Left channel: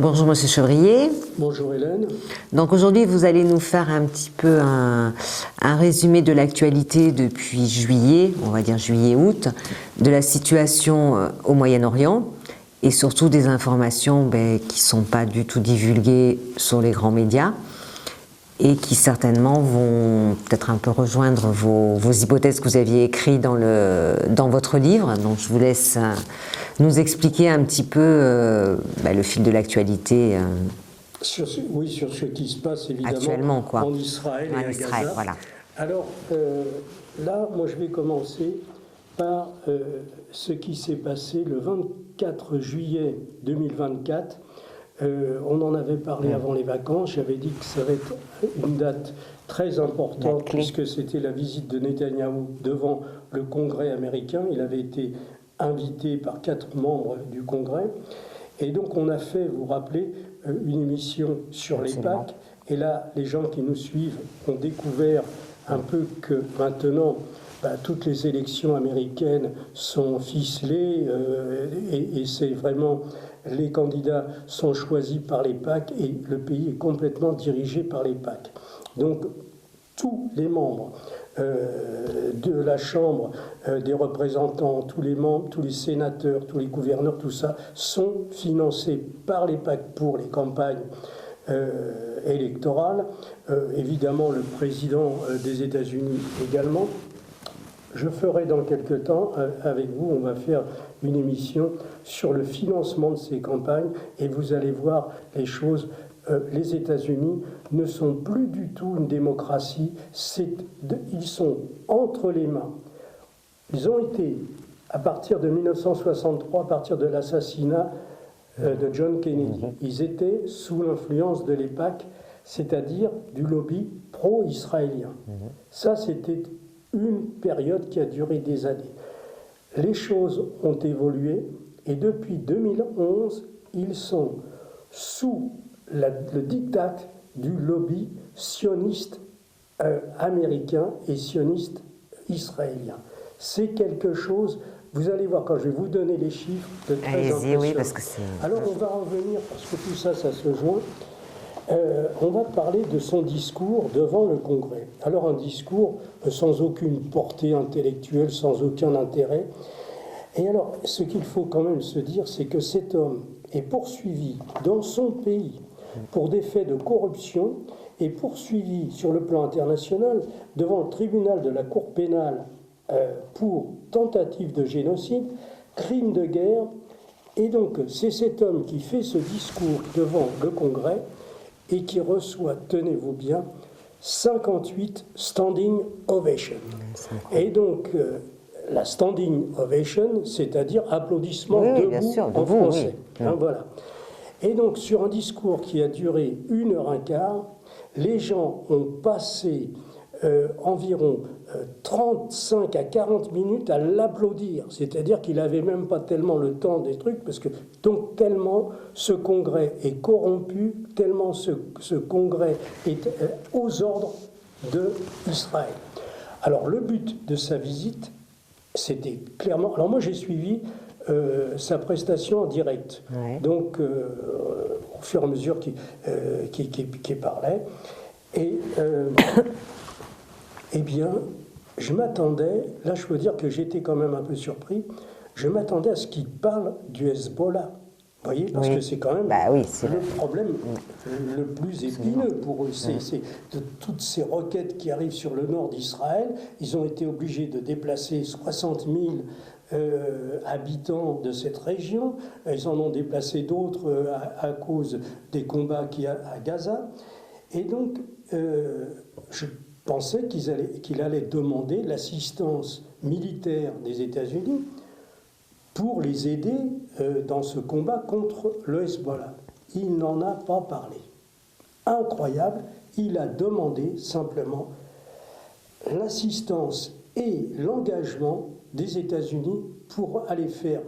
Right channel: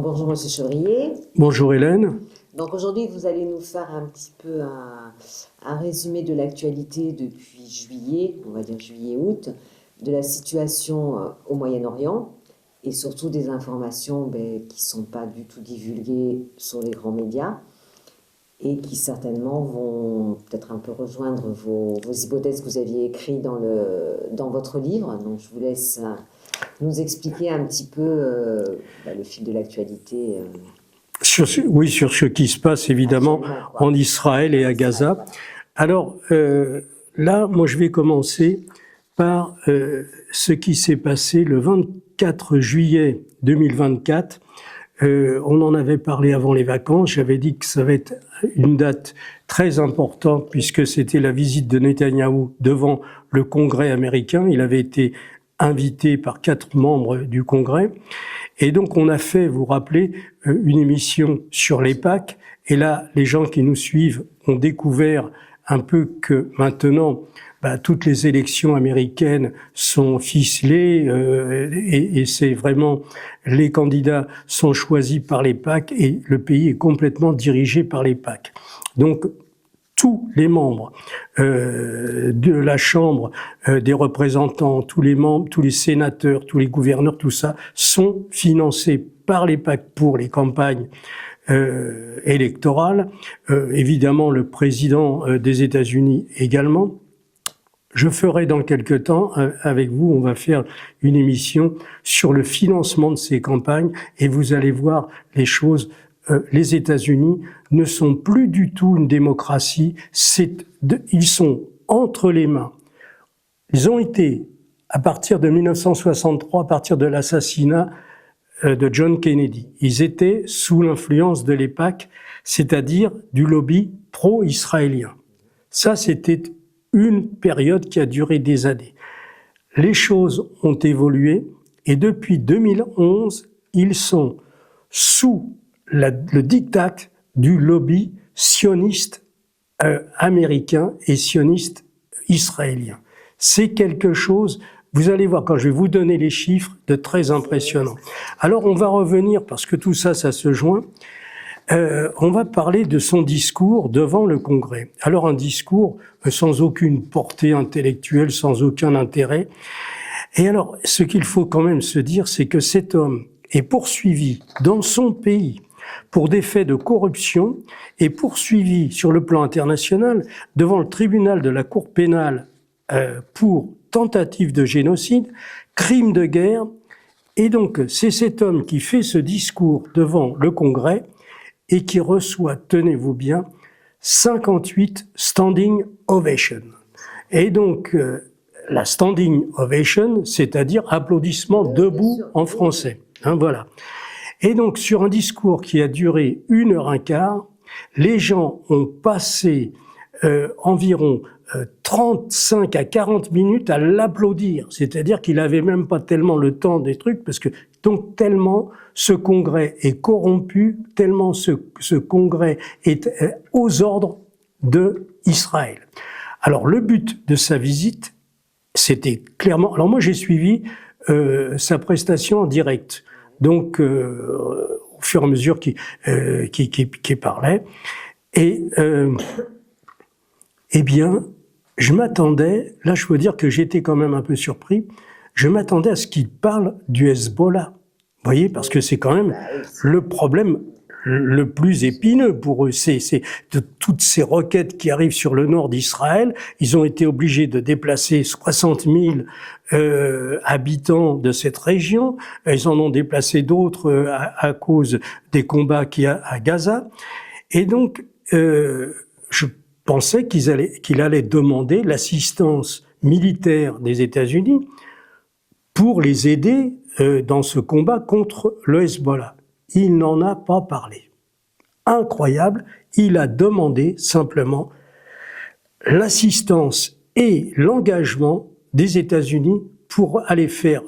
Bonjour Monsieur Chevrier. Bonjour Hélène. Donc aujourd'hui vous allez nous faire un petit peu un résumé de l'actualité depuis juillet, on va dire juillet-août, de la situation au Moyen-Orient et surtout des informations qui ne sont pas du tout divulguées sur les grands médias et qui certainement vont peut-être un peu rejoindre vos hypothèses que vous aviez écrites dans votre livre. Donc je vous laisse nous expliquer un petit peu le fil de l'actualité. Sur ce qui se passe évidemment en Israël et à Gaza. Voilà. Alors là, moi je vais commencer par ce qui s'est passé le 24 juillet 2024. On en avait parlé avant les vacances, j'avais dit que ça va être une date très importante puisque c'était la visite de Netanyahou devant le Congrès américain. Il avait été invité par 4 membres du Congrès. Et donc on a fait, vous vous rappelez, une émission sur les Pâques. Et là, les gens qui nous suivent ont découvert un peu que maintenant, toutes les élections américaines sont ficelées et c'est vraiment, les candidats sont choisis par les PAC et le pays est complètement dirigé par les PAC. Donc, tous les membres de la Chambre des représentants, tous les membres, tous les sénateurs, tous les gouverneurs, tout ça, sont financés par les PAC pour les campagnes électorales. Évidemment, le président des États-Unis également. Je ferai dans quelque temps, avec vous, on va faire une émission sur le financement de ces campagnes et vous allez voir les choses. Les États-Unis ne sont plus du tout une démocratie, ils sont entre les mains. Ils ont été, à partir de 1963, à partir de l'assassinat de John Kennedy, ils étaient sous l'influence de l'EPAC, c'est-à-dire du lobby pro-israélien. Ça, c'était une période qui a duré des années. Les choses ont évolué et depuis 2011, ils sont sous le diktat du lobby sioniste américain et sioniste israélien. C'est quelque chose, vous allez voir quand je vais vous donner les chiffres, de très impressionnant. Alors on va revenir, parce que tout ça, ça se joint. On va parler de son discours devant le Congrès. Alors un discours sans aucune portée intellectuelle, sans aucun intérêt. Et alors, ce qu'il faut quand même se dire, c'est que cet homme est poursuivi dans son pays pour des faits de corruption et poursuivi sur le plan international devant le tribunal de la Cour pénale pour tentative de génocide, crime de guerre. Et donc, c'est cet homme qui fait ce discours devant le Congrès et qui reçoit, tenez-vous bien, 58 standing ovations. Et donc, la standing ovation, c'est-à-dire applaudissements debout en français. Hein, voilà. Et donc, sur un discours qui a duré 1h15, les gens ont passé environ 35 à 40 minutes à l'applaudir. C'est-à-dire qu'il n'avait même pas tellement le temps des trucs, parce que donc tellement ce congrès est corrompu, tellement ce congrès est aux ordres d'Israël. Alors le but de sa visite, c'était clairement... Alors moi j'ai suivi sa prestation en direct, donc au fur et à mesure qu'il parlait. Et eh bien, je m'attendais, là je peux dire que j'étais quand même un peu surpris, je m'attendais à ce qu'il parle du Hezbollah. Vous voyez, parce que c'est quand même le problème le plus épineux pour eux. C'est de toutes ces roquettes qui arrivent sur le nord d'Israël. Ils ont été obligés de déplacer 60 000 habitants de cette région. Ils en ont déplacé d'autres à cause des combats qu'il y a à Gaza. Et donc, je pensais qu'il allait demander l'assistance militaire des États-Unis pour les aider dans ce combat contre le Hezbollah. Il n'en a pas parlé. Incroyable, il a demandé simplement l'assistance et l'engagement des États-Unis pour aller faire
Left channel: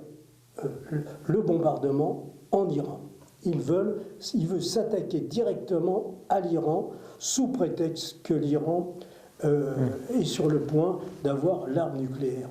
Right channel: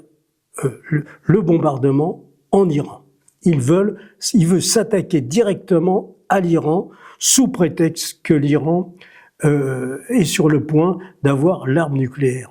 le bombardement en Iran. Il veut s'attaquer directement à l'Iran sous prétexte que l'Iran est sur le point d'avoir l'arme nucléaire.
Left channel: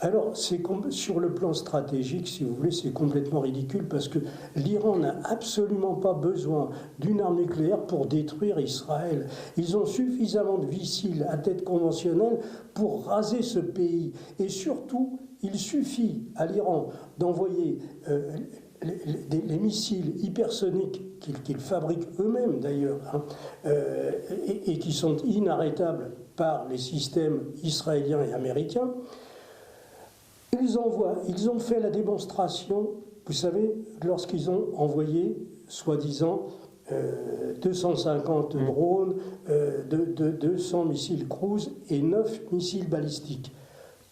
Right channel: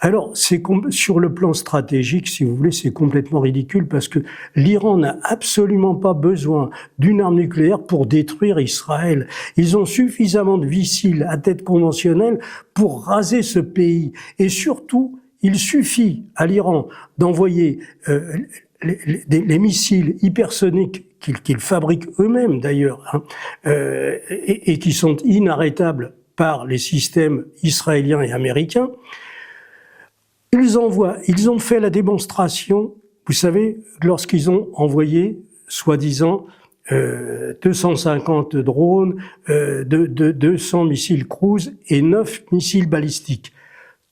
Alors, sur le plan stratégique, si vous voulez, c'est complètement ridicule parce que l'Iran n'a absolument pas besoin d'une arme nucléaire pour détruire Israël. Ils ont suffisamment de missiles à tête conventionnelle pour raser ce pays. Et surtout, il suffit à l'Iran d'envoyer les missiles hypersoniques qu'ils fabriquent eux-mêmes d'ailleurs, hein, et qui sont inarrêtables par les systèmes israéliens et américains. Ils ont fait la démonstration, vous savez, lorsqu'ils ont envoyé, soi-disant, 250 drones, 200 missiles cruise et 9 missiles balistiques.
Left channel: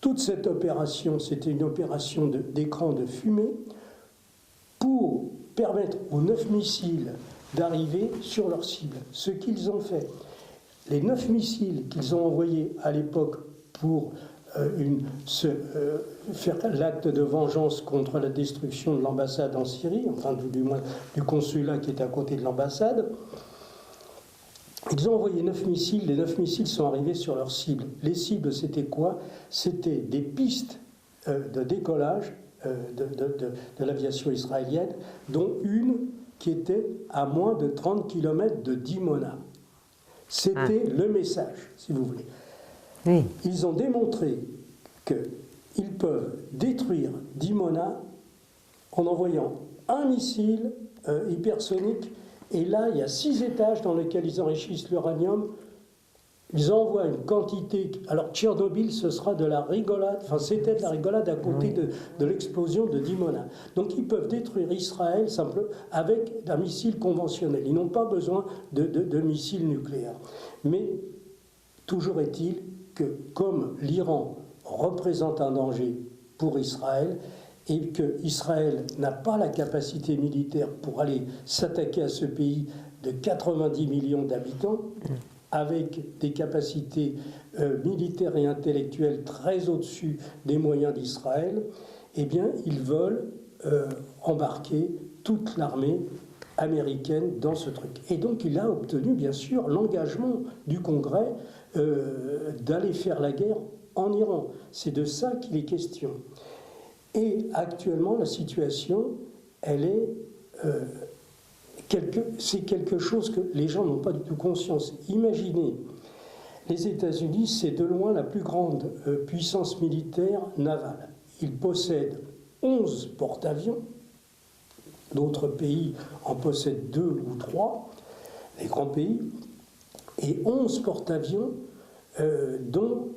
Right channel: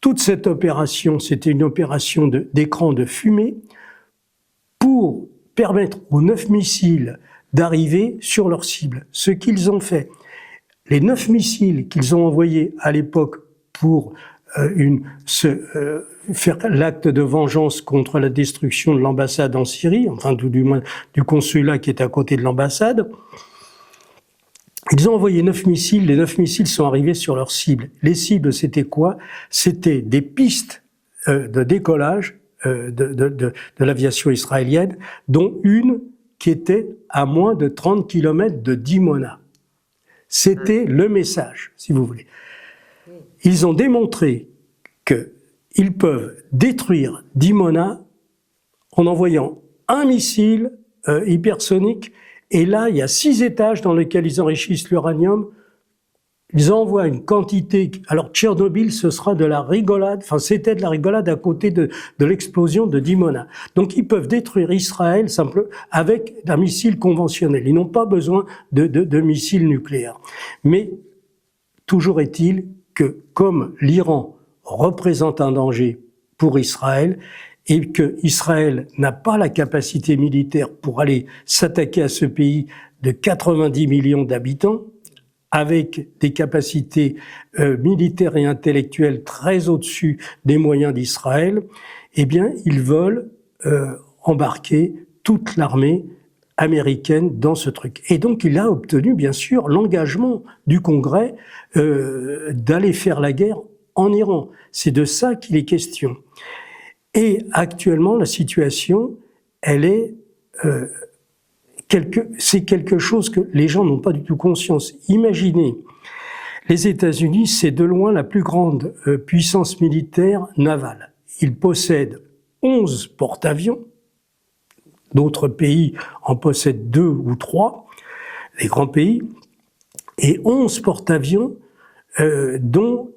Toute cette opération, c'était une opération d'écran de fumée pour permettre aux 9 missiles d'arriver sur leur cible. Ce qu'ils ont fait. Les 9 missiles qu'ils ont envoyés à l'époque pour faire l'acte de vengeance contre la destruction de l'ambassade en Syrie, enfin tout du moins du consulat qui est à côté de l'ambassade. Ils ont envoyé 9 missiles, les 9 missiles sont arrivés sur leur cible. Les cibles, c'était quoi? C'était des pistes de décollage de l'aviation israélienne, dont une qui était à moins de 30 km de Dimona. C'était le message, si vous voulez. Oui. Ils ont démontré qu'ils peuvent détruire Dimona en envoyant un missile hypersonique. Et là, il y a 6 étages dans lesquels ils enrichissent l'uranium. Ils envoient une quantité... Alors, Tchernobyl, ce sera de la rigolade. Enfin, c'était de la rigolade à côté de l'explosion de Dimona. Donc, ils peuvent détruire Israël simplement avec un missile conventionnel. Ils n'ont pas besoin de missiles nucléaires. Mais, toujours est-il que, comme l'Iran représente un danger pour Israël et que Israël n'a pas la capacité militaire pour aller s'attaquer à ce pays de 90 millions d'habitants, avec des capacités militaires et intellectuelles très au-dessus des moyens d'Israël, eh bien, ils veulent embarquer toute l'armée américaine dans ce truc. Et donc, il a obtenu, bien sûr, l'engagement du Congrès d'aller faire la guerre en Iran. C'est de ça qu'il est question. Et actuellement, la situation, elle est... c'est quelque chose que les gens n'ont pas du tout conscience. Imaginez, les États-Unis, c'est de loin la plus grande puissance militaire navale. Ils possèdent 11 porte-avions. D'autres pays en possèdent 2 ou 3, les grands pays, et 11 porte-avions dont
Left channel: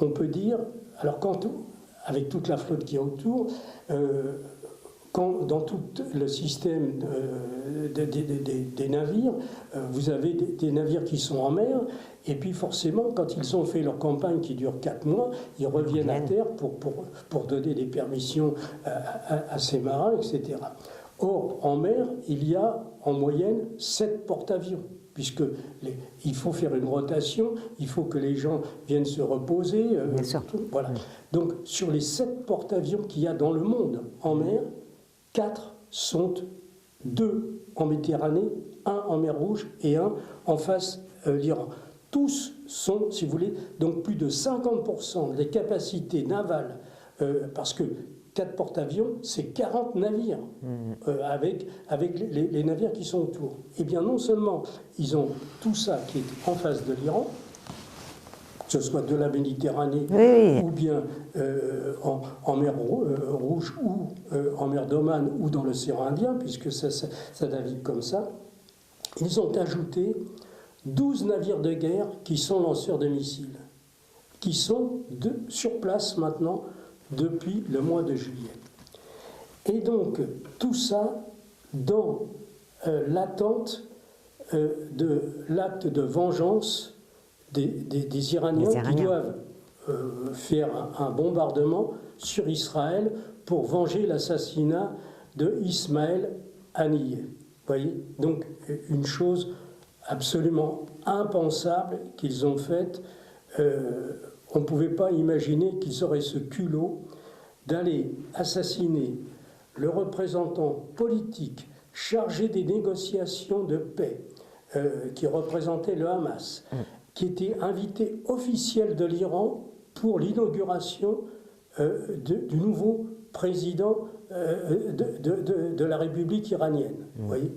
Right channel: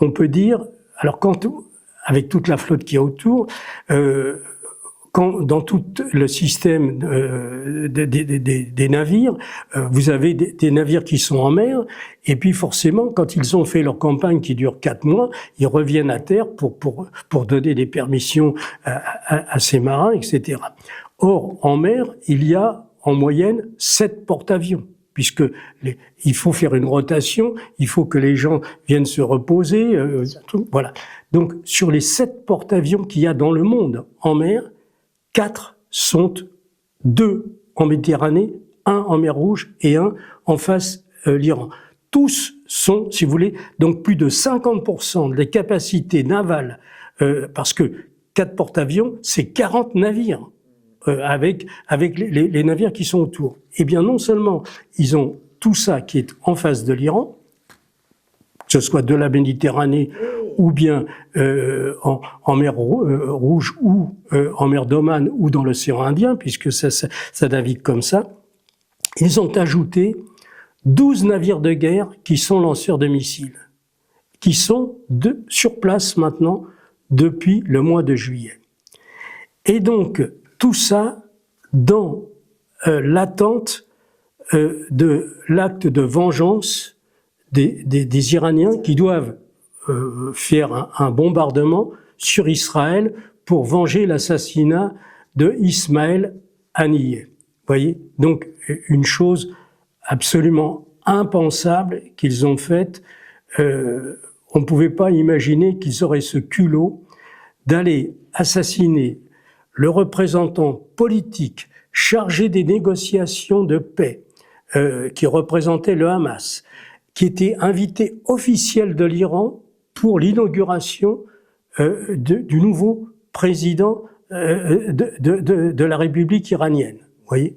on peut dire, alors avec toute la flotte qu'il y a autour, dans tout le système des navires, vous avez des navires qui sont en mer, et puis forcément, quand ils ont fait leur campagne qui dure 4 mois, ils reviennent à terre pour donner des permissions à ces marins, etc. Or, en mer, il y a en moyenne 7 porte-avions, puisque il faut faire une rotation, il faut que les gens viennent se reposer. Voilà. Donc, sur les 7 porte-avions qu'il y a dans le monde en mer, 4 sont 2 en Méditerranée, 1 en mer Rouge et 1 en face l'Iran. Tous sont, si vous voulez, donc plus de 50% des capacités navales, parce que 4 porte-avions, c'est 40 navires, avec les navires qui sont autour. Eh bien, non seulement ils ont tout ça qui est en face de l'Iran, que ce soit de la Méditerranée ou bien en mer Rouge ou en mer d'Oman ou dans l'océan Indien, puisque ça navigue comme ça, ils ont ajouté 12 navires de guerre qui sont lanceurs de missiles, qui sont sur place maintenant depuis le mois de juillet. Et donc, tout ça dans l'attente de l'acte de vengeance des Iraniens qui doivent faire un bombardement sur Israël pour venger l'assassinat de Ismaël Haniyeh. Vous voyez? Donc, une chose absolument impensable qu'ils ont faite. On ne pouvait pas imaginer qu'ils auraient ce culot d'aller assassiner le représentant politique chargé des négociations de paix, qui représentait le Hamas, qui était invité officiel de l'Iran pour l'inauguration du nouveau président de la République iranienne. Vous voyez ?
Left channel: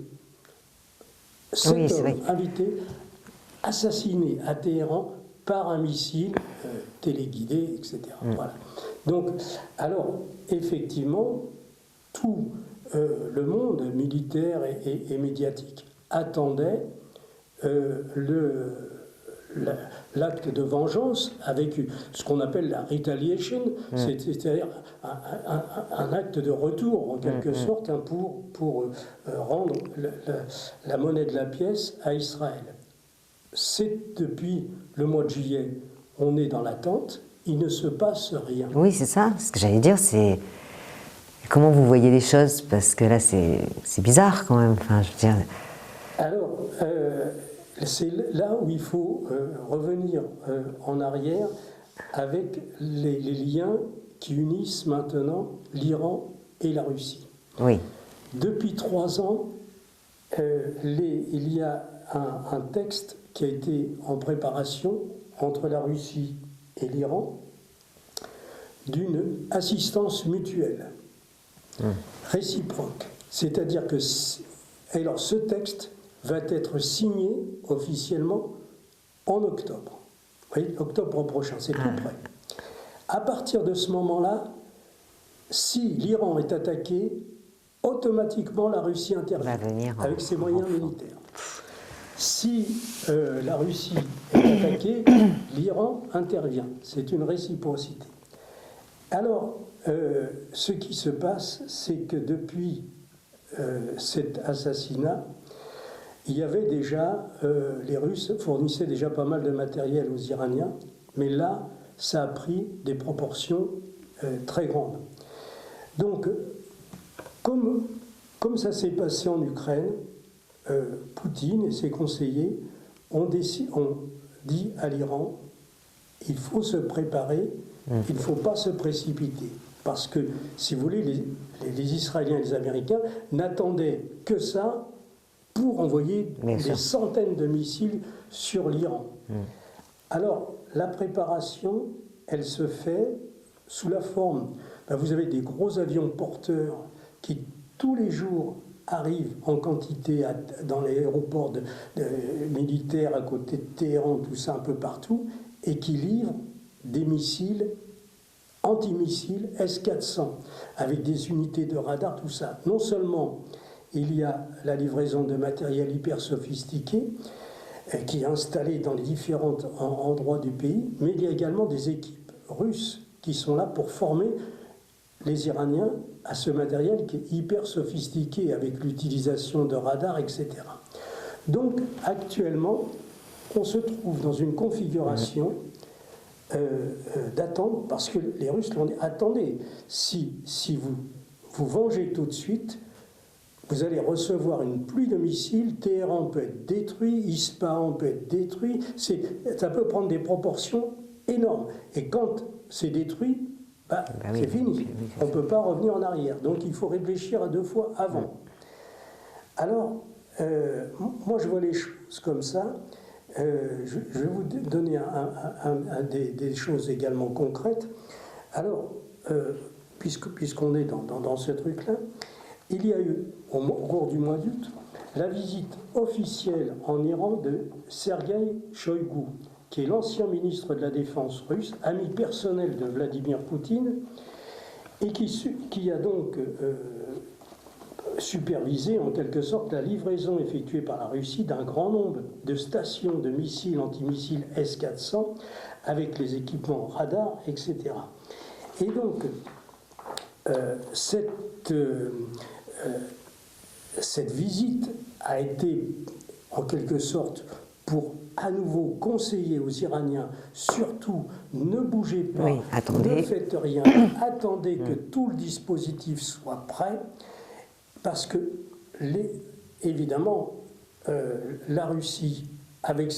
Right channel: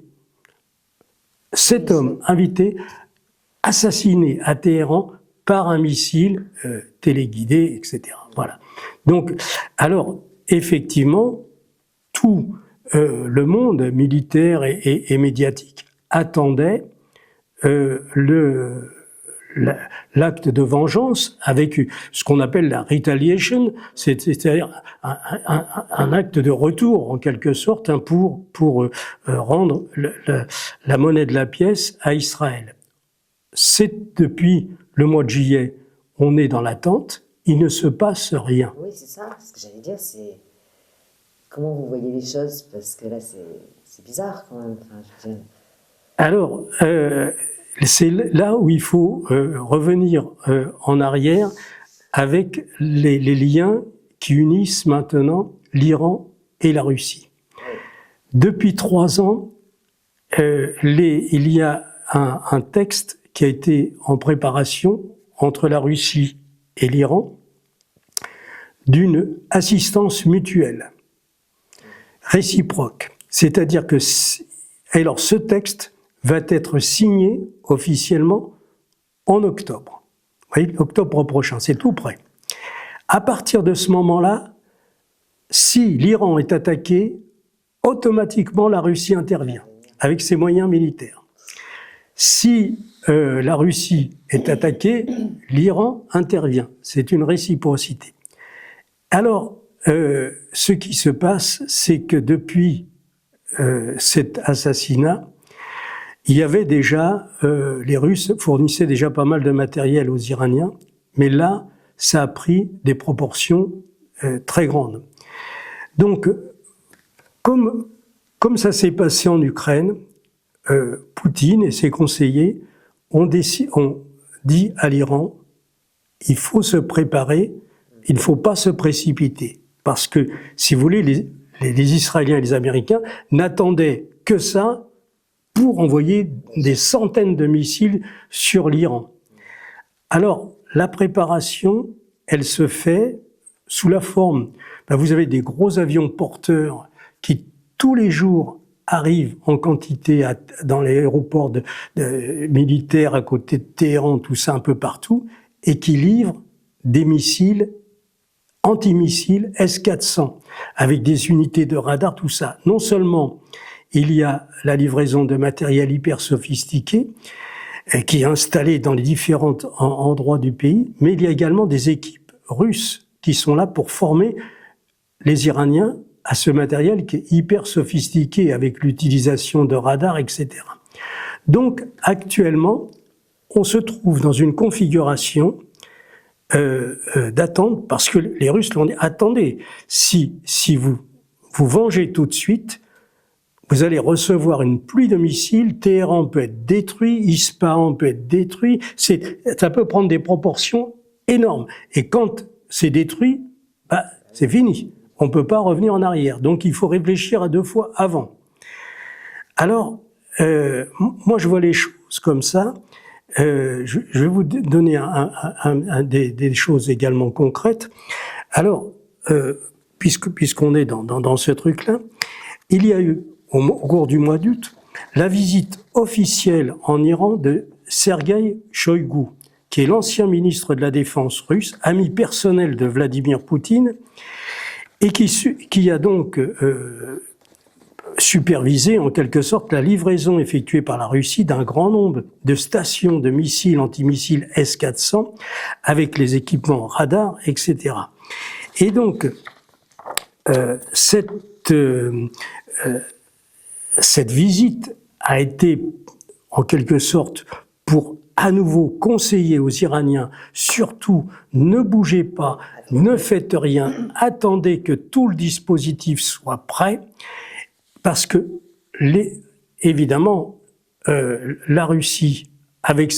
Cet homme invité, assassiné à Téhéran par un missile téléguidé, etc. Voilà. Donc, alors, effectivement, tout le monde militaire et médiatique attendait l'acte de vengeance avec ce qu'on appelle la retaliation, c'est-à-dire un acte de retour en quelque sorte pour rendre la monnaie de la pièce à Israël. C'est depuis le mois de juillet, on est dans l'attente, il ne se passe rien. Oui, c'est ça. Ce que j'allais dire, c'est comment vous voyez les choses, parce que là, c'est bizarre quand même. Enfin, je veux dire... Alors, c'est là où il faut revenir en arrière avec les liens qui unissent maintenant l'Iran et la Russie. Oui. Depuis 3 ans, il y a un texte qui a été en préparation entre la Russie et l'Iran d'une assistance mutuelle, réciproque. C'est-à-dire que, alors ce texte va être signé officiellement en octobre. Vous voyez, octobre prochain, c'est tout près. À partir de ce moment-là, si l'Iran est attaqué, automatiquement la Russie intervient avec ses moyens militaires. Si la Russie est attaquée, l'Iran intervient. C'est une réciprocité. Alors, ce qui se passe, c'est que depuis cet assassinat, il y avait déjà, les Russes fournissaient déjà pas mal de matériel aux Iraniens, mais là, ça a pris des proportions très grandes. Donc, comme ça s'est passé en Ukraine, Poutine et ses conseillers ont dit à l'Iran, il faut se préparer, il ne faut pas se précipiter. Parce que, si vous voulez, les Israéliens et les Américains n'attendaient que ça pour envoyer des centaines de missiles sur l'Iran. Alors, la préparation, elle se fait sous la forme... vous avez des gros avions porteurs qui, tous les jours, arrivent en quantité dans les aéroports militaires à côté de Téhéran, tout ça un peu partout, et qui livrent des missiles, antimissiles S-400, avec des unités de radar, tout ça. Non seulement il y a la livraison de matériel hyper sophistiqué, qui est installé dans les différents endroits du pays, mais il y a également des équipes russes qui sont là pour former les Iraniens à ce matériel qui est hyper sophistiqué avec l'utilisation de radars, etc. Donc, actuellement, on se trouve dans une configuration d'attente, parce que les Russes l'ont dit, attendez, si vous vengez tout de suite, vous allez recevoir une pluie de missiles, Téhéran peut être détruit, Ispahan peut être détruit, ça peut prendre des proportions énormes. Et quand c'est détruit, c'est fini. On ne peut pas revenir en arrière. Donc il faut réfléchir à 2 fois avant. Alors, moi je vois les choses comme ça. Je vais vous donner des choses également concrètes. Alors, puisqu'on est dans ce truc-là, il y a eu, au cours du mois d'août, la visite officielle en Iran de Sergueï Shoïgu, qui est l'ancien ministre de la Défense russe, ami personnel de Vladimir Poutine, et qui a donc supervisé en quelque sorte la livraison effectuée par la Russie d'un grand nombre de stations de missiles anti-missiles S-400 avec les équipements radars, etc. Et donc, cette visite a été en quelque sorte pour à nouveau conseiller aux Iraniens, surtout ne bougez pas, ne faites rien, attendez que tout le dispositif soit prêt, parce que évidemment la Russie avec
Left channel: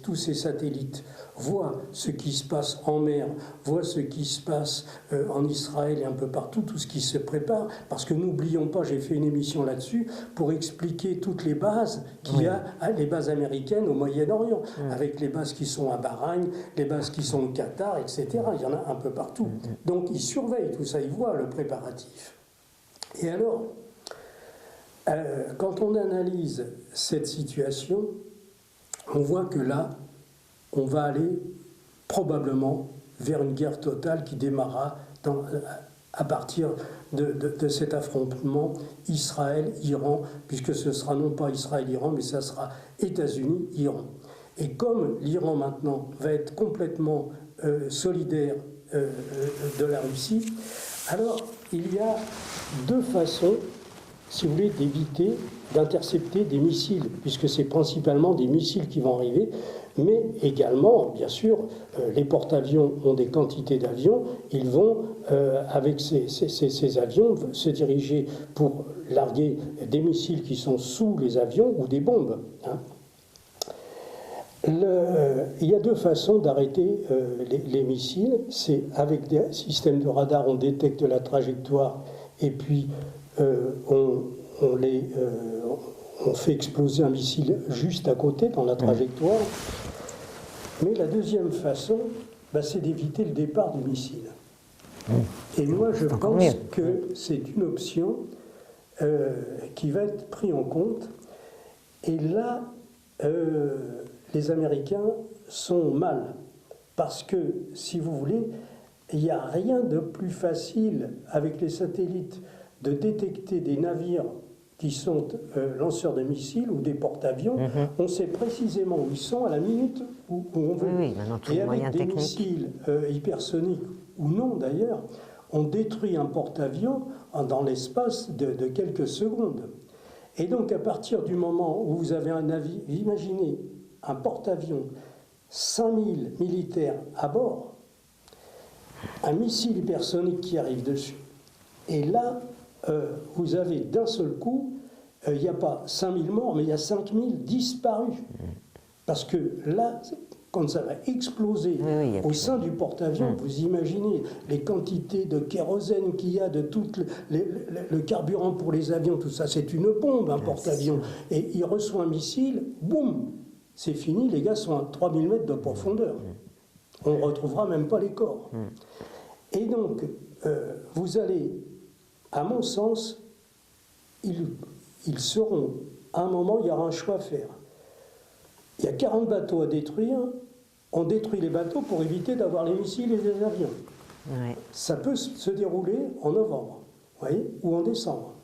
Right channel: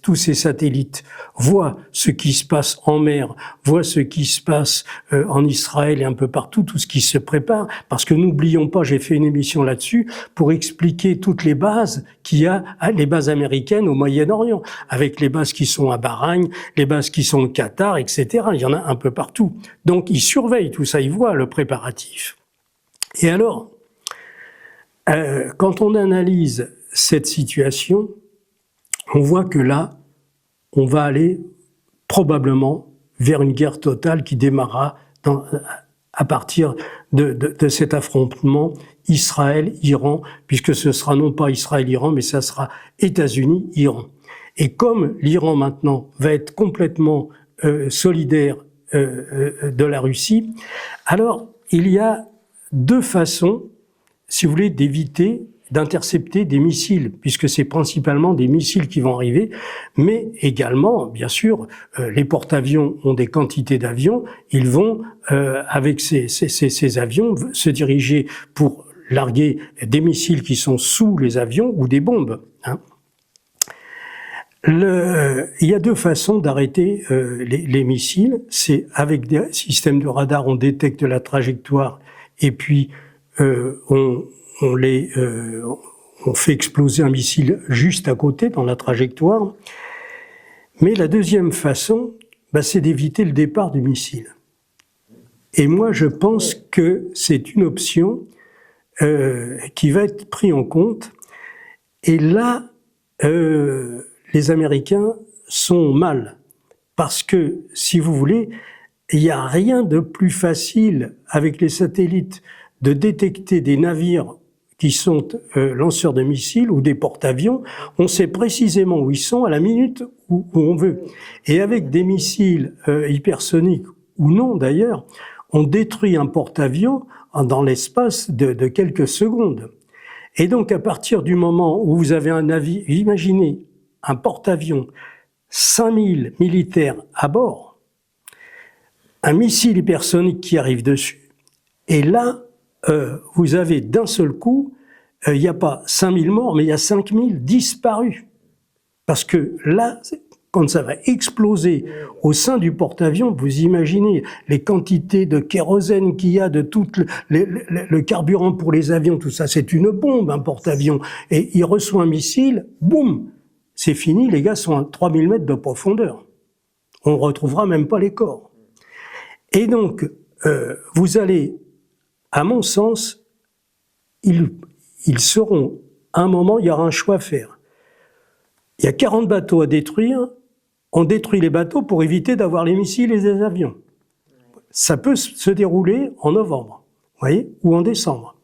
tous ces satellites, voit ce qui se passe en mer, voit ce qui se passe en Israël et un peu partout, tout ce qui se prépare. Parce que n'oublions pas, j'ai fait une émission là-dessus pour expliquer toutes les bases qu'il y a, les bases américaines au Moyen-Orient, avec les bases qui sont à Bahreïn, les bases qui sont au Qatar, etc. Il y en a un peu partout. Donc ils surveillent tout ça, ils voient le préparatif. Et alors, quand on analyse cette situation, on voit que là, on va aller probablement vers une guerre totale qui démarrera à partir de cet affrontement Israël-Iran, puisque ce sera non pas Israël-Iran, mais ça sera États-Unis-Iran. Et comme l'Iran maintenant va être complètement solidaire de la Russie, alors il y a deux façons, si vous voulez, d'éviter d'intercepter des missiles, puisque c'est principalement des missiles qui vont arriver, mais également, bien sûr, les porte-avions ont des quantités d'avions, ils vont, avec ces avions, se diriger pour larguer des missiles qui sont sous les avions ou des bombes. Hein. Il y a deux façons d'arrêter les missiles, c'est avec des systèmes de radar, on détecte la trajectoire et puis on fait exploser un missile juste à côté dans la trajectoire. Mais la deuxième façon, c'est d'éviter le départ du missile. Et moi, je pense que c'est une option qui va être prise en compte. Et là, les Américains sont mal. Parce que, si vous voulez, il n'y a rien de plus facile avec les satellites de détecter des navires qui sont lanceurs de missiles ou des porte-avions. On sait précisément où ils sont à la minute où on veut. Oui, et avec des missiles hypersoniques, ou non d'ailleurs, on détruit un porte-avions dans l'espace de quelques secondes. Et donc à partir du moment où vous avez un navire, imaginez un porte-avions, 5000 militaires à bord, un missile hypersonique qui arrive dessus, et là, vous avez d'un seul coup, il n'y a pas 5000 morts, mais il y a 5000 disparus. Parce que là, quand ça va exploser au sein du porte-avions, vous imaginez les quantités de kérosène qu'il y a, de tout le carburant pour les avions, tout ça, c'est une bombe, un porte-avions. Et il reçoit un missile, boum, c'est fini, les gars sont à 3000 mètres de profondeur. On ne retrouvera même pas les corps. Et donc, vous allez... À mon sens, ils seront, à un moment, il y aura un choix à faire. Il y a 40 bateaux à détruire, on détruit les bateaux pour éviter d'avoir les missiles et les avions. Ouais. Ça peut se dérouler en novembre, voyez, ou en décembre.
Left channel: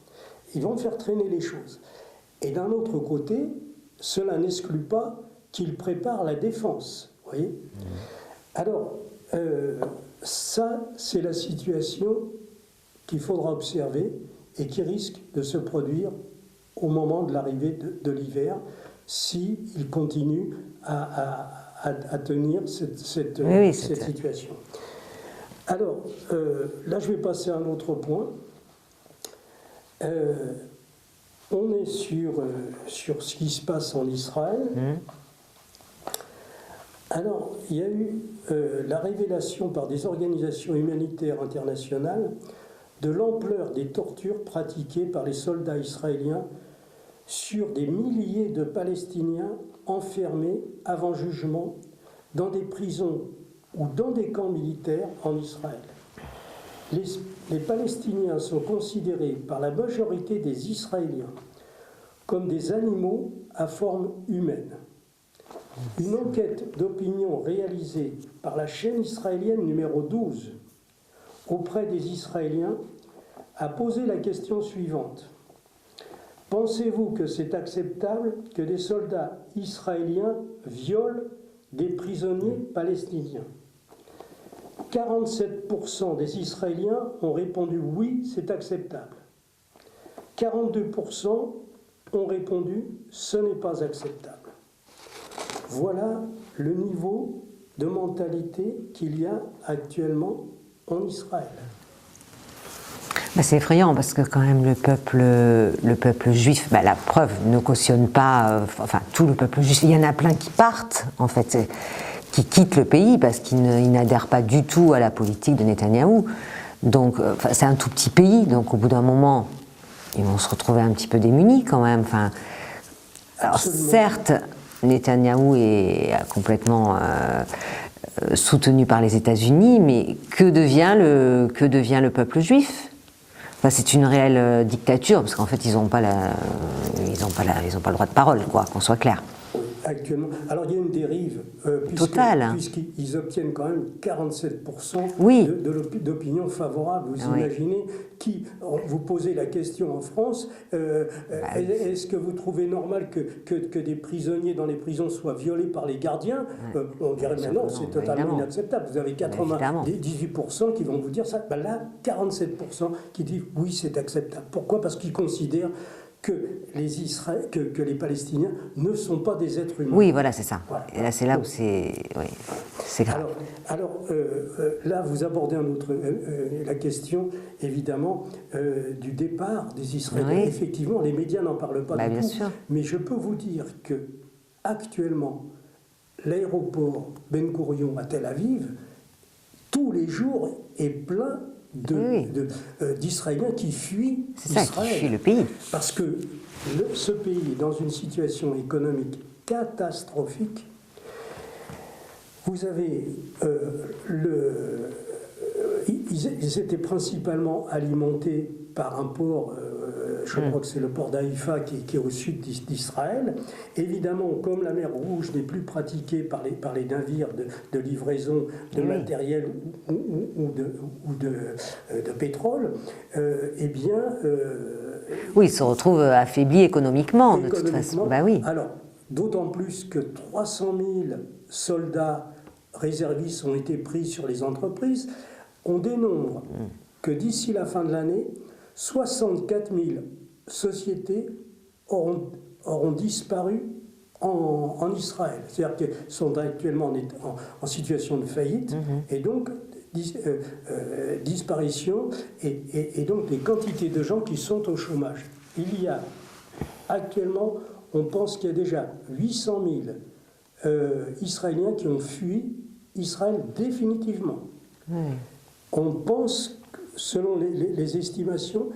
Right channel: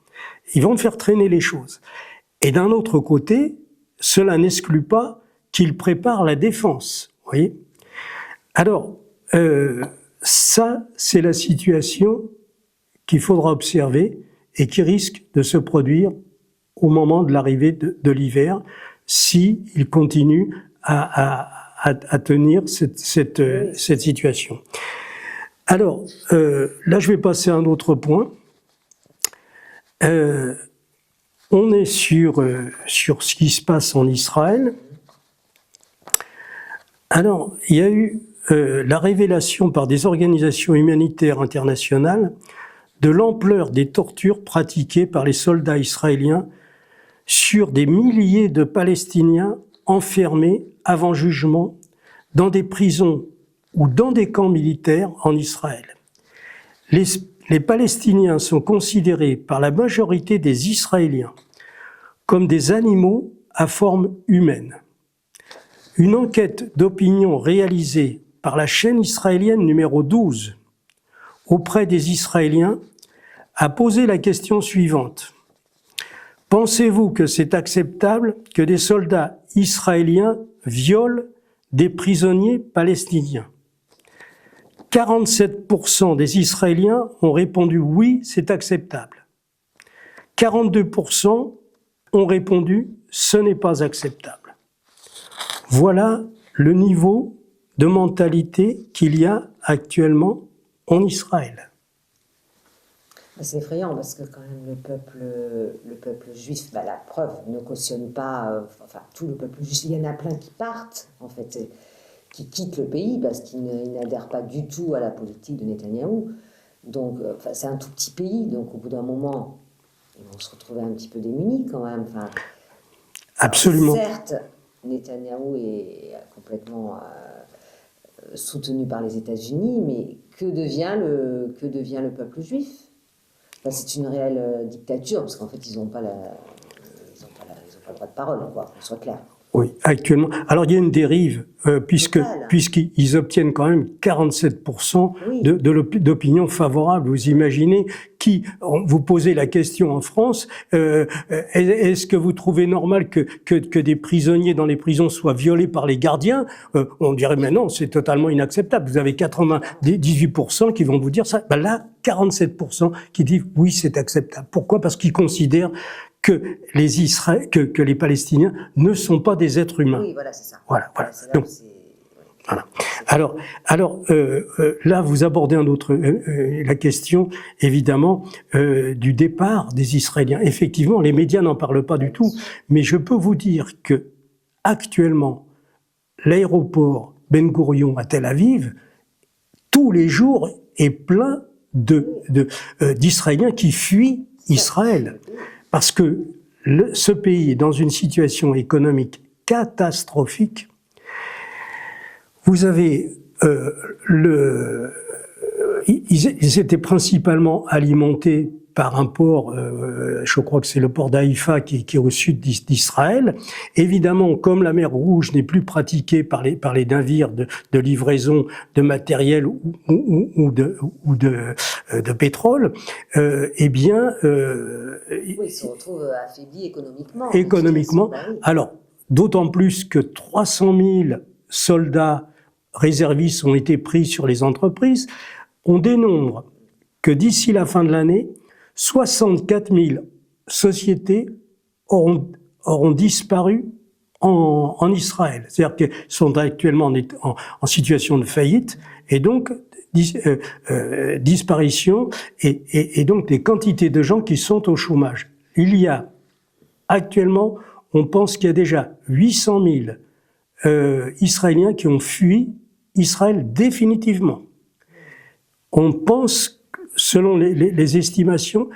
Ils vont faire traîner les choses. Et d'un autre côté, cela n'exclut pas qu'ils préparent la défense, voyez. Alors, ça, c'est la situation qu'il faudra observer et qui risque de se produire au moment de l'arrivée de l'hiver s'il continue à tenir cette situation. Alors, là, je vais passer à un autre point. On est sur ce qui se passe en Israël. Alors, il y a eu la révélation par des organisations humanitaires internationales de l'ampleur des tortures pratiquées par les soldats israéliens sur des milliers de Palestiniens enfermés avant jugement dans des prisons ou dans des camps militaires en Israël. Les Palestiniens sont considérés par la majorité des Israéliens comme des animaux à forme humaine. Une enquête d'opinion réalisée par la chaîne israélienne numéro 12 auprès des Israéliens a posé la question suivante. Pensez-vous que c'est acceptable que des soldats israéliens violent des prisonniers palestiniens ? 47% des Israéliens ont répondu oui, c'est acceptable. 42% ont répondu ce n'est pas acceptable. Voilà le niveau de mentalité qu'il y a actuellement en Israël. C'est effrayant parce que quand même le peuple juif, la preuve ne cautionne pas, tout le peuple juif, il y en a plein qui partent en fait, qui quittent le pays parce qu'ils n'adhèrent pas du tout à la politique de Netanyahou. Donc c'est un tout petit pays, donc au bout d'un moment, ils vont se retrouver un petit peu démunis quand même. Absolument. Alors, certes, Netanyahou est complètement soutenu par les États-Unis, mais que devient le peuple juif ? C'est une réelle dictature, parce qu'en fait, ils n'ont pas le droit de parole, qu'on soit clair. Oui, actuellement. Alors, il y a une dérive, puisqu'ils obtiennent quand même 47% d'opinion favorable. Vous imaginez vous posez la question en France, est-ce que vous trouvez normal que des prisonniers dans les prisons soient violés par les gardiens ? On dirait, mais non, c'est totalement inacceptable. Vous avez 18% qui vont vous dire ça. Là, 47% qui disent oui, c'est acceptable. Pourquoi ? Parce qu'ils considèrent que les Palestiniens ne sont pas des êtres humains. Oui, voilà, c'est ça. Voilà. Là, c'est là où c'est... Oui, voilà. Alors là, vous abordez la question, évidemment, du départ des Israéliens. Oui. Effectivement, les médias n'en parlent pas du tout. Sûr. Mais je peux vous dire que actuellement, l'aéroport Ben Gourion à Tel Aviv, tous les jours, est plein d'Israéliens qui fuient Israël. Qui fuient le pays. Parce que ce pays est dans une situation économique catastrophique. Vous avez ils étaient principalement alimentés par un port, je crois que c'est le port d'Haïfa qui est au sud d'Israël. Évidemment, comme la mer Rouge n'est plus pratiquée par les navires de livraison de matériel ou de pétrole, ils se retrouvent affaiblis économiquement. Économiquement. Oui. Alors, d'autant plus que 300 000 soldats réservistes ont été pris sur les entreprises. On dénombre que d'ici la fin de l'année, 64 000 sociétés auront disparu en Israël. C'est-à-dire qu'elles sont actuellement en situation de faillite, et donc disparition, et donc des quantités de gens qui sont au chômage. Il y a actuellement, on pense qu'il y a déjà 800 000 Israéliens qui ont fui Israël définitivement. On pense, selon les estimations,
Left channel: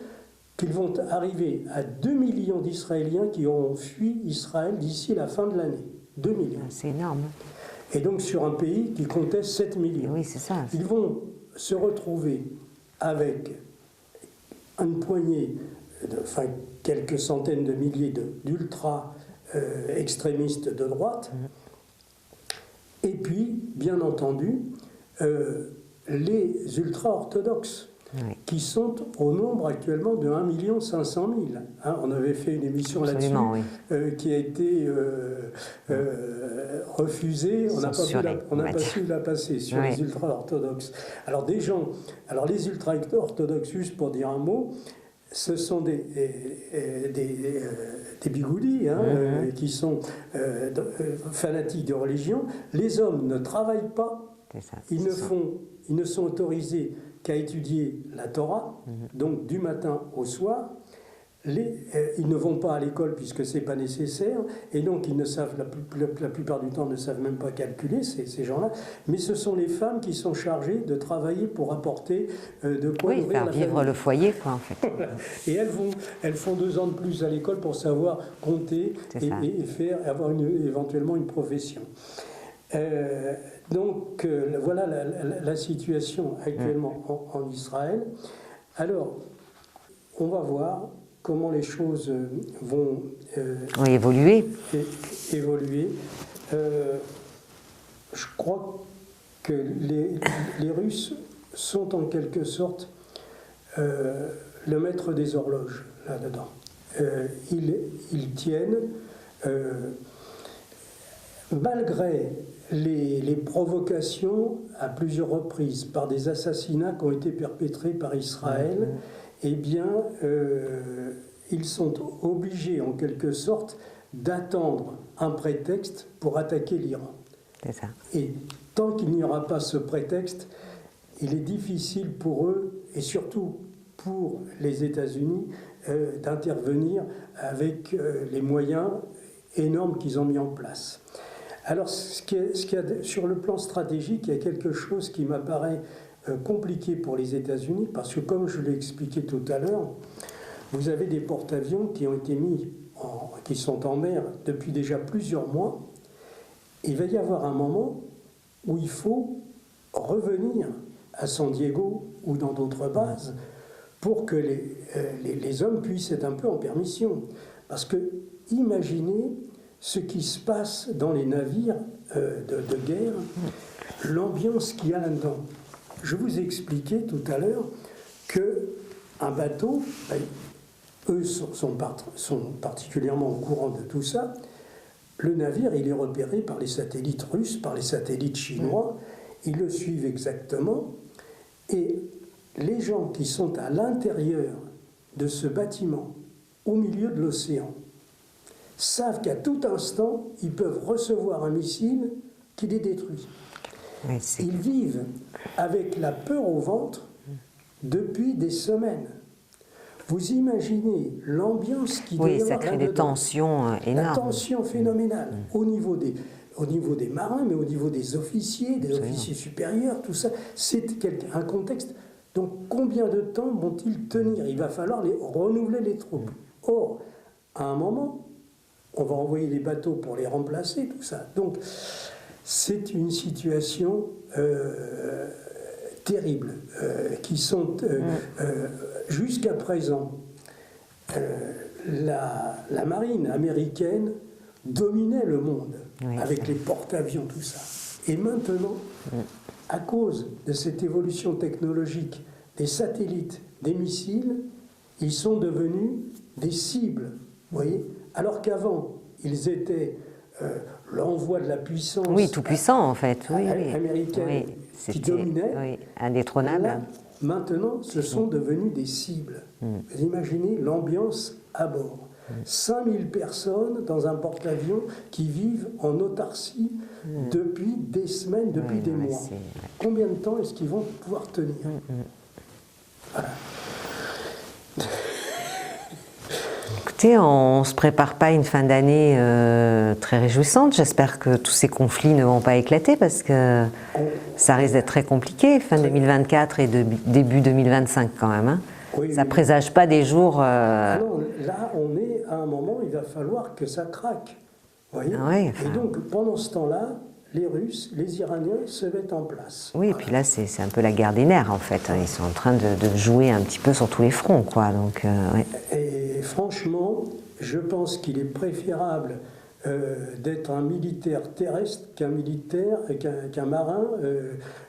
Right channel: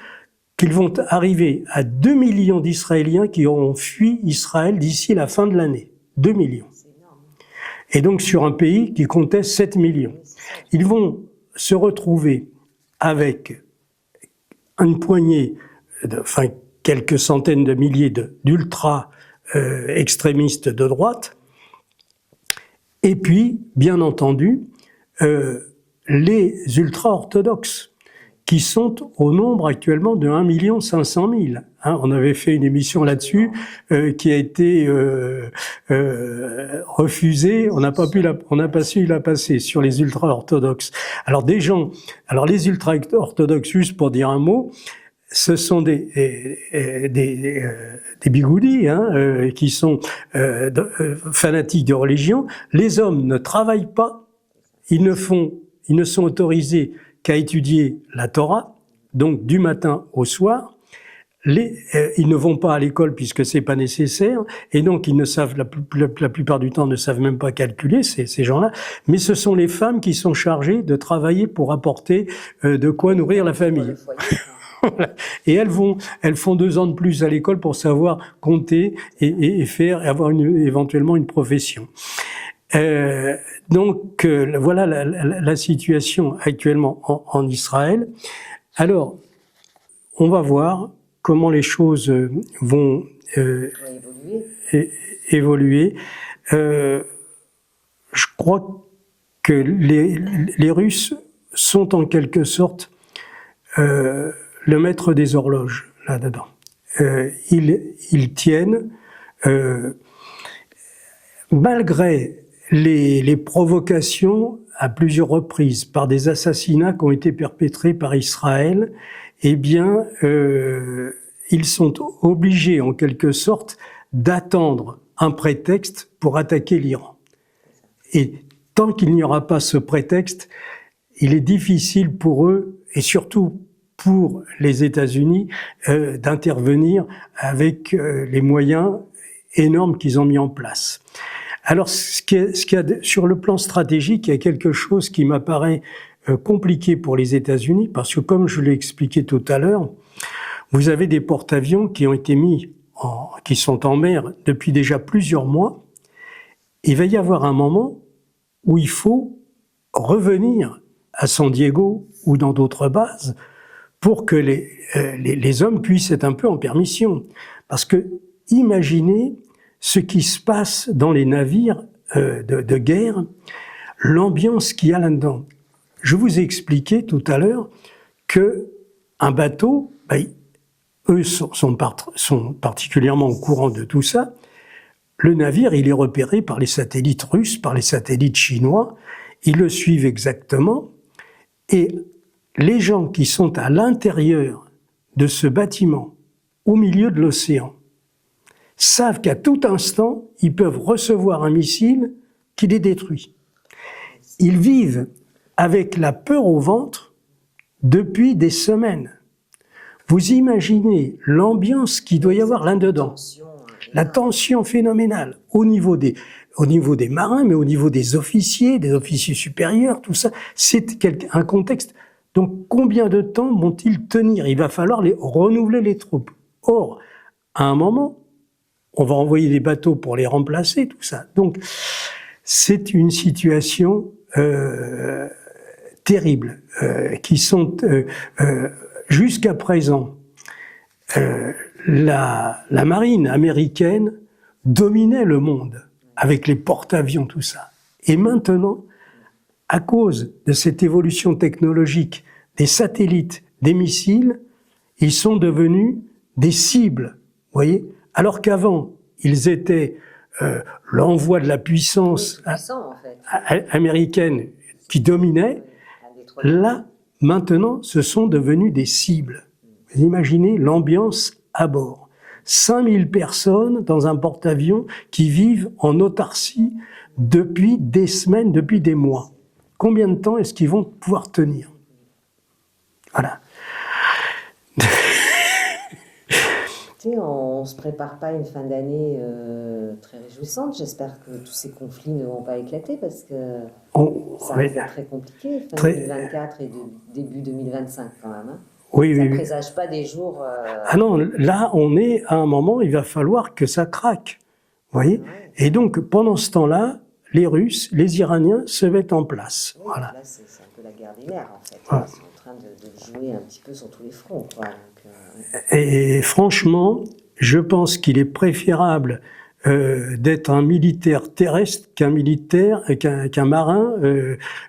qu'ils vont arriver à 2 millions d'Israéliens qui auront fui Israël d'ici la fin de l'année. 2 millions. C'est énorme. Et donc sur un pays qui comptait 7 millions. Oui, c'est ça. Ils vont se retrouver avec une poignée, quelques centaines de milliers d'ultra-extrémistes de droite. Et puis, bien entendu, les ultra-orthodoxes, qui sont au nombre actuellement de 1 500 000. On avait fait une émission là-dessus qui a été refusée. On n'a pas su la passer sur les ultra-orthodoxes. Alors les ultra-orthodoxes, juste pour dire un mot, ce sont des bigoudis qui sont fanatiques de religion. Les hommes ne travaillent pas. Ils ne sont autorisés qu'à étudier la Torah, donc du matin au soir. Ils ne vont pas à l'école puisque c'est pas nécessaire, et donc ils ne savent, la plupart du temps, ne savent même pas calculer, ces gens-là. Mais ce sont les femmes qui sont chargées de travailler pour apporter de quoi nourrir la famille. Le foyer, quoi, en fait. Et elles font 2 ans de plus à l'école pour savoir compter et avoir éventuellement une profession. Donc voilà la situation actuellement en Israël. Alors, on va voir comment les choses vont évoluer. Je crois que les Russes sont en quelque sorte le maître des horloges là-dedans. Ils tiennent, malgré les provocations à plusieurs reprises par des assassinats qui ont été perpétrés par Israël, ils sont obligés en quelque sorte d'attendre un prétexte pour attaquer l'Iran. C'est ça. Et tant qu'il n'y aura pas ce prétexte, il est difficile pour eux, et surtout pour les États-Unis d'intervenir avec les moyens énormes qu'ils ont mis en place. Alors, sur le plan stratégique, il y a quelque chose qui m'apparaît compliqué pour les États-Unis, parce que comme je l'ai expliqué tout à l'heure, vous avez des porte-avions qui ont été qui sont en mer depuis déjà plusieurs mois. Il va y avoir un moment où il faut revenir à San Diego ou dans d'autres bases pour que les hommes puissent être un peu en permission. Parce que imaginez ce qui se passe dans les navires de guerre, l'ambiance qu'il y a là-dedans. Je vous ai expliqué tout à l'heure qu'un bateau, eux sont particulièrement au courant de tout ça. Le navire, il est repéré par les satellites russes, par les satellites chinois. Ils le suivent exactement. Et les gens qui sont à l'intérieur de ce bâtiment, au milieu de l'océan, savent qu'à tout instant, ils peuvent recevoir un missile qui les détruit. Ils vivent avec la peur au ventre depuis des semaines. Vous imaginez l'ambiance qu'il doit y avoir là-dedans. La tension phénoménale au niveau des marins, mais au niveau des officiers supérieurs, tout ça. C'est un contexte. Donc combien de temps vont-ils tenir? Il va falloir renouveler les troupes. Or, à un moment, on va envoyer des bateaux pour les remplacer, tout ça. Donc c'est une situation terrible, qui sont jusqu'à présent, la marine américaine dominait le monde avec les porte-avions, tout ça. Et maintenant, à cause de cette évolution technologique des satellites, des missiles, ils sont devenus des cibles, voyez. Alors qu'avant, ils étaient l'envoi de la puissance tout puissant, en fait. américaine qui dominait. Là, maintenant, ce sont devenus des cibles. Vous imaginez l'ambiance à bord. 5000 personnes dans un porte-avions qui vivent en autarcie depuis des semaines, depuis des mois. Combien de temps est-ce qu'ils vont pouvoir tenir? Voilà. Écoutez, on ne se prépare pas à une fin d'année très réjouissante. J'espère que tous ces conflits ne vont pas éclater parce que ça risque d'être très compliqué, fin 2024 et début 2025 quand même. Hein. Ça ne présage pas des jours... Ah non, là, on est à un moment, il va falloir que ça craque. Vous voyez Et donc, pendant ce temps-là, les Russes, les Iraniens se mettent en place. Oui, et puis là, c'est un peu la guerre des nerfs, en fait. Ils sont en train de jouer un petit peu sur tous les fronts, quoi. Donc, Et franchement, je pense qu'il est préférable d'être un militaire terrestre qu'un marin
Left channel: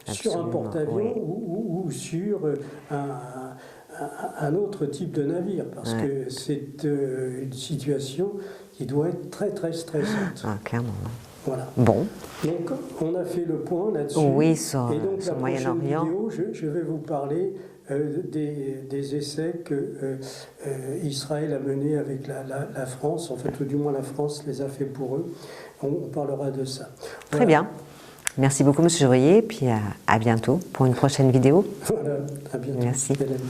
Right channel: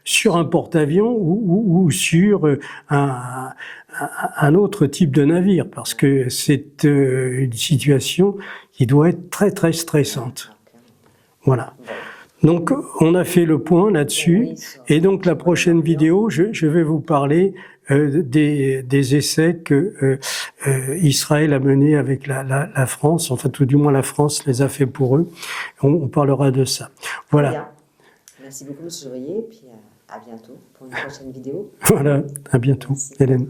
sur un porte-avions ou sur un autre type de navire, parce que c'est une situation qui doit être très, très stressante. Clairement. Voilà. Bon. Donc, on a fait le point là-dessus. Et donc, la prochaine vidéo, je vais vous parler des essais que Israël a menés avec la France. Enfin, tout du moins, la France les a fait pour eux. On parlera de ça. Voilà. Très bien. Merci beaucoup, M. Jourier. Puis à bientôt pour une prochaine vidéo. Voilà, à bientôt. Merci. Hélène.